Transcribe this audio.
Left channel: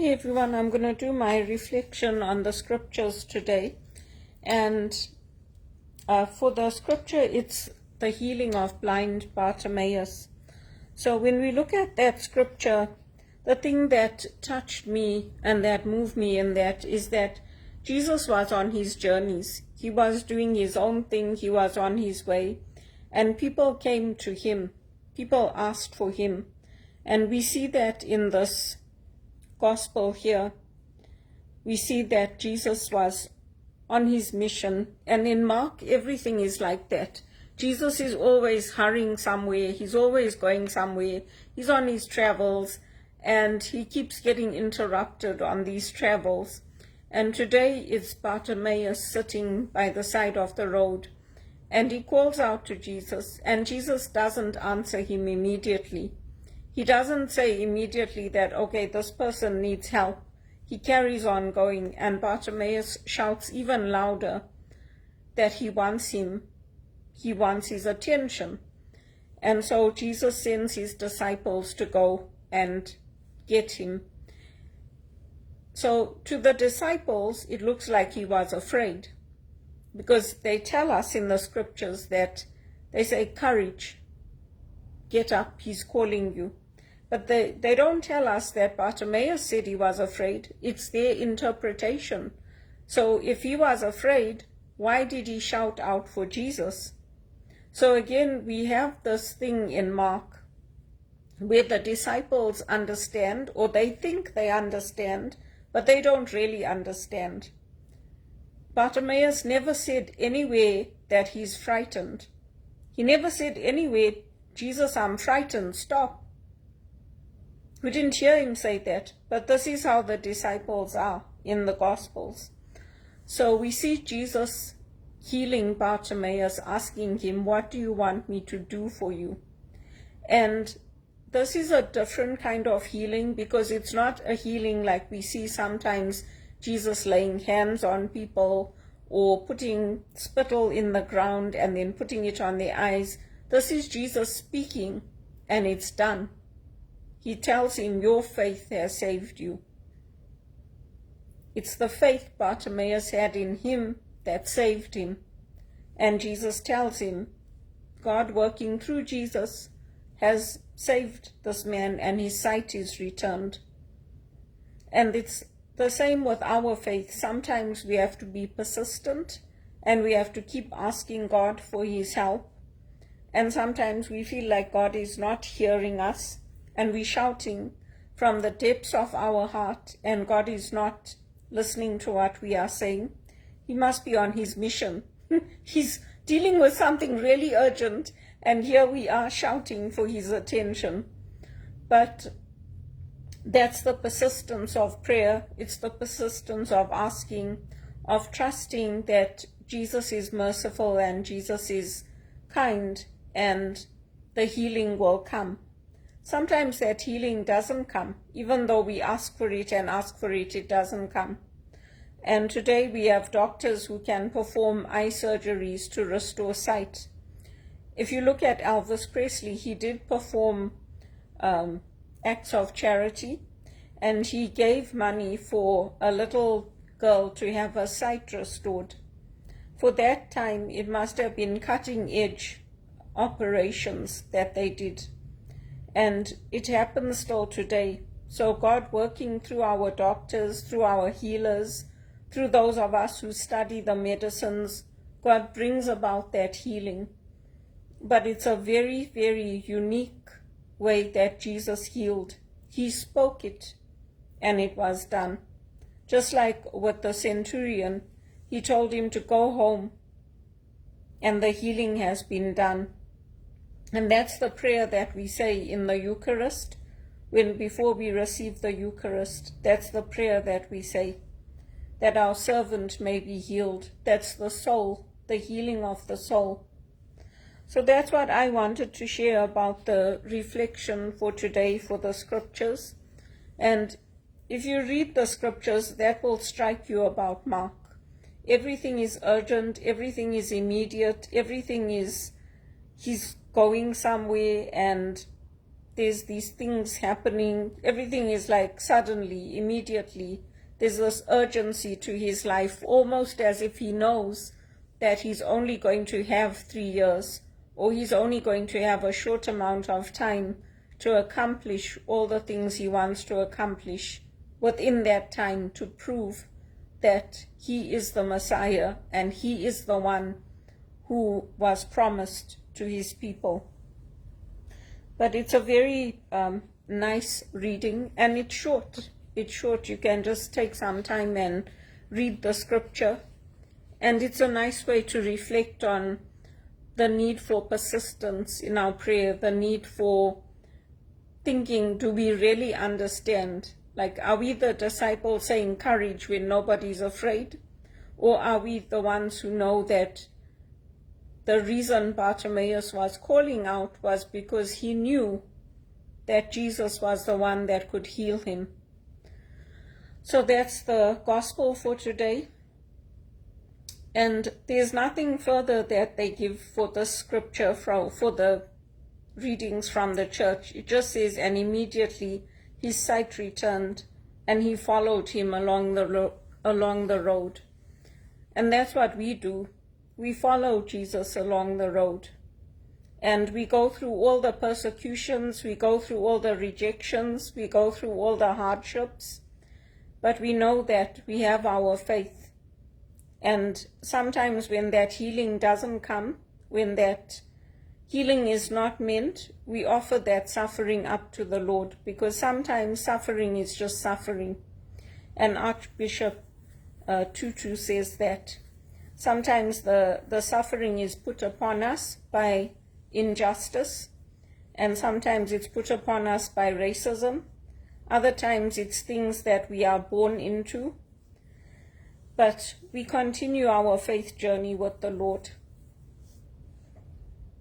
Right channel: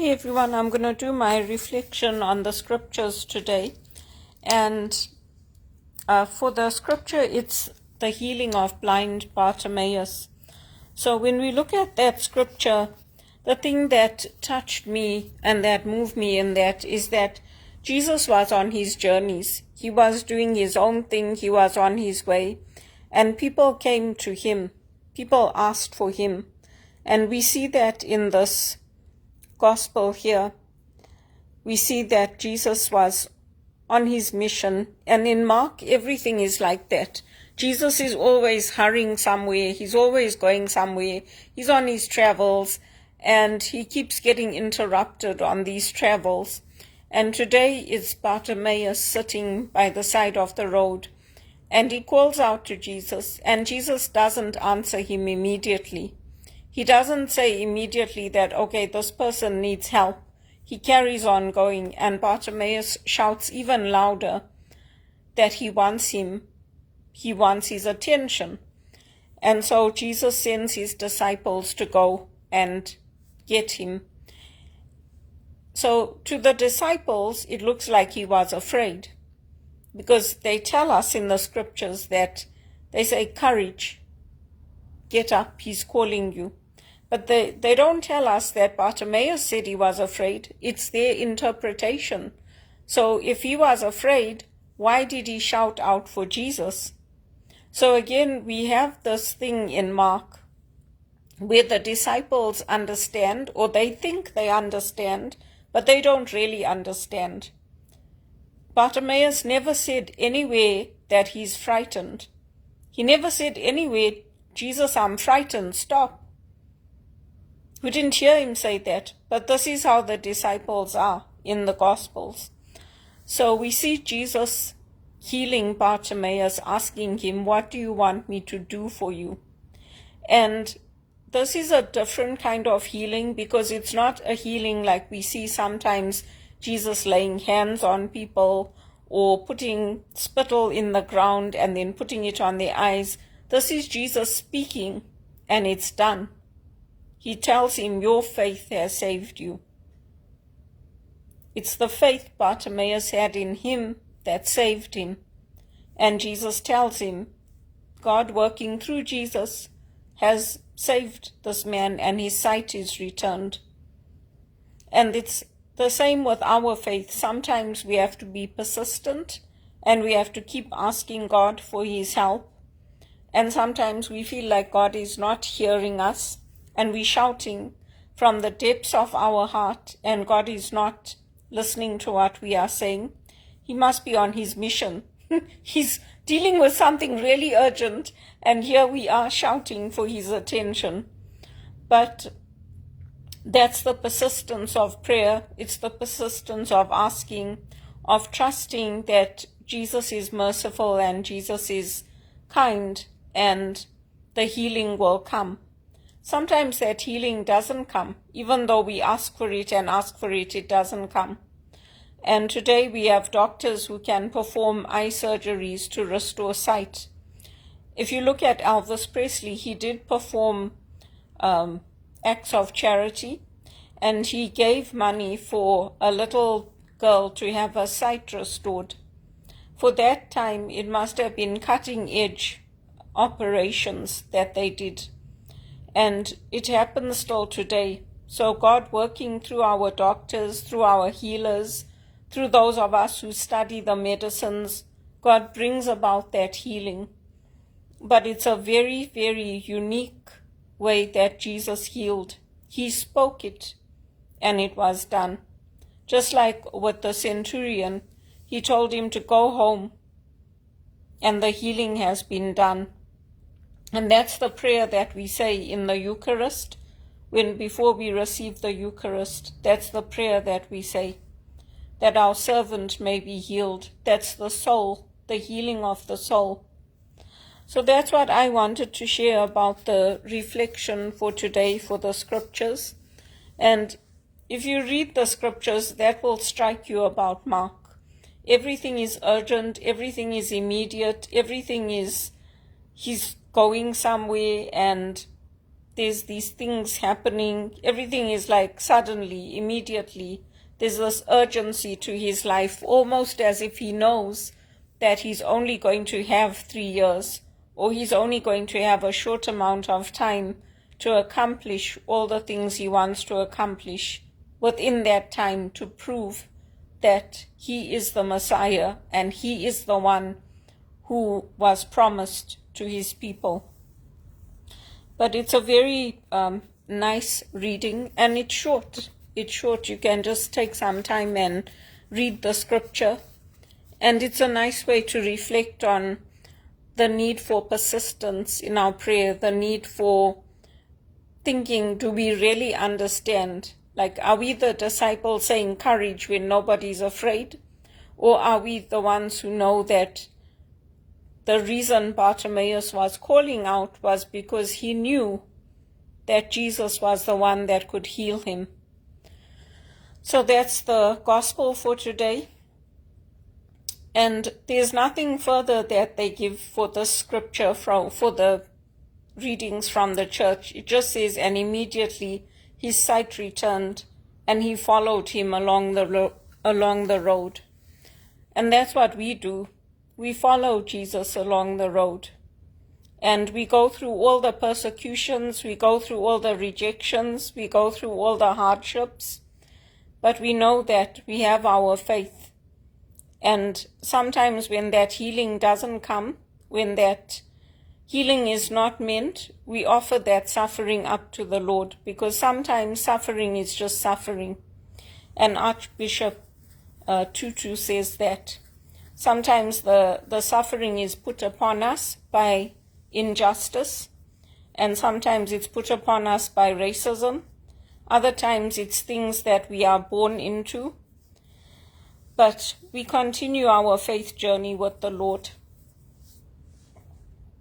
Hi everyone, I'm going to do my reflection on the scriptures today. And for the scripture, it's the healing of blind Bartemaues. So when we look at that scripture, the thing that touched me and that moved me in that is that Jesus was on his journeys. He was doing his own thing. He was on his way. And people came to him. People asked for him. And we see that in this gospel here. We see that Jesus was on his mission, and in Mark everything is like that. Jesus is always hurrying somewhere, he's always going somewhere, he's on his travels, and he keeps getting interrupted on these travels. And today is Bartemaues sitting by the side of the road, and he calls out to Jesus, and Jesus doesn't answer him immediately. He doesn't say immediately that, okay, this person needs help. He carries on going, and Bartemaues shouts even louder that he wants him. He wants his attention. And so Jesus sends his disciples to go and get him. So to the disciples, it looks like he was afraid, because they tell us in the scriptures that they say, courage, get up, he's calling you. But they don't tell us that Bartemaues said he was afraid. It's their interpretation. So if he was afraid, why did he shout out for Jesus? So again, we have this thing in Mark where the disciples understand, or they think they understand, but they don't really understand. Bartemaues never said anywhere that he's frightened. He never said anywhere, Jesus, I'm frightened, stop. We didn't hear him say that, but this is how the disciples are in the Gospels. So we see Jesus healing Bartemaues, asking him, what do you want me to do for you? And this is a different kind of healing, because it's not a healing like we see sometimes Jesus laying hands on people or putting spittle in the ground and then putting it on their eyes. This is Jesus speaking, and it's done. He tells him, your faith has saved you. It's the faith Bartemaues had in him that saved him. And Jesus tells him, God working through Jesus has saved this man, and his sight is returned. And it's the same with our faith. Sometimes we have to be persistent, and we have to keep asking God for his help. And sometimes we feel like God is not hearing us, and we're shouting from the depths of our heart, and God is not listening to what we are saying. He must be on his mission. He's dealing with something really urgent, and here we are shouting for his attention. But that's the persistence of prayer. It's the persistence of asking, of trusting that Jesus is merciful and Jesus is kind, and the healing will come. Sometimes that healing doesn't come. Even though we ask for it and ask for it, it doesn't come. And today we have doctors who can perform eye surgeries to restore sight. If you look at Elvis Presley, he did perform acts of charity, and he gave money for a little girl to have her sight restored. For that time, it must have been cutting-edge operations that they did. And it happens still today. So God working through our doctors, through our healers, through those of us who study the medicines, God brings about that healing. But it's a very, very unique way that Jesus healed. He spoke it, and it was done. Just like with the centurion, he told him to go home, and the healing has been done. And that's the prayer that we say in the Eucharist, before we receive the Eucharist. That's the prayer that we say, that our servant may be healed. That's the soul, the healing of the soul. So that's what I wanted to share about the reflection for today for the scriptures. And if you read the scriptures, that will strike you about Mark. Everything is urgent, everything is immediate, everything is, he's going somewhere, and there's these things happening. Everything is like suddenly, immediately. There's this urgency to his life, almost as if he knows that he's only going to have 3 years, or he's only going to have a short amount of time to accomplish all the things he wants to accomplish within that time, to prove that he is the Messiah and he is the one who was promised to his people. But it's a very nice reading, and it's short. It's short. You can just take some time and read the scripture. And it's a nice way to reflect on the need for persistence in our prayer, the need for thinking, do we really understand? Like, are we the disciples saying courage when nobody's afraid? Or are we the ones who know that the reason Bartemaues was calling out was because he knew that Jesus was the one that could heal him? So that's the gospel for today. And there's nothing further that they give for the scripture, for the readings from the church. It just says, and immediately his sight returned, and he followed him along the road. And that's what we do. We follow Jesus along the road. And we go through all the persecutions, we go through all the rejections, we go through all the hardships. But we know that we have our faith. And sometimes when that healing doesn't come, when that healing is not meant, we offer that suffering up to the Lord, because sometimes suffering is just suffering. And Archbishop Tutu says that sometimes the suffering is put upon us by injustice, and sometimes it's put upon us by racism. Other times it's things that we are born into. But we continue our faith journey with the Lord.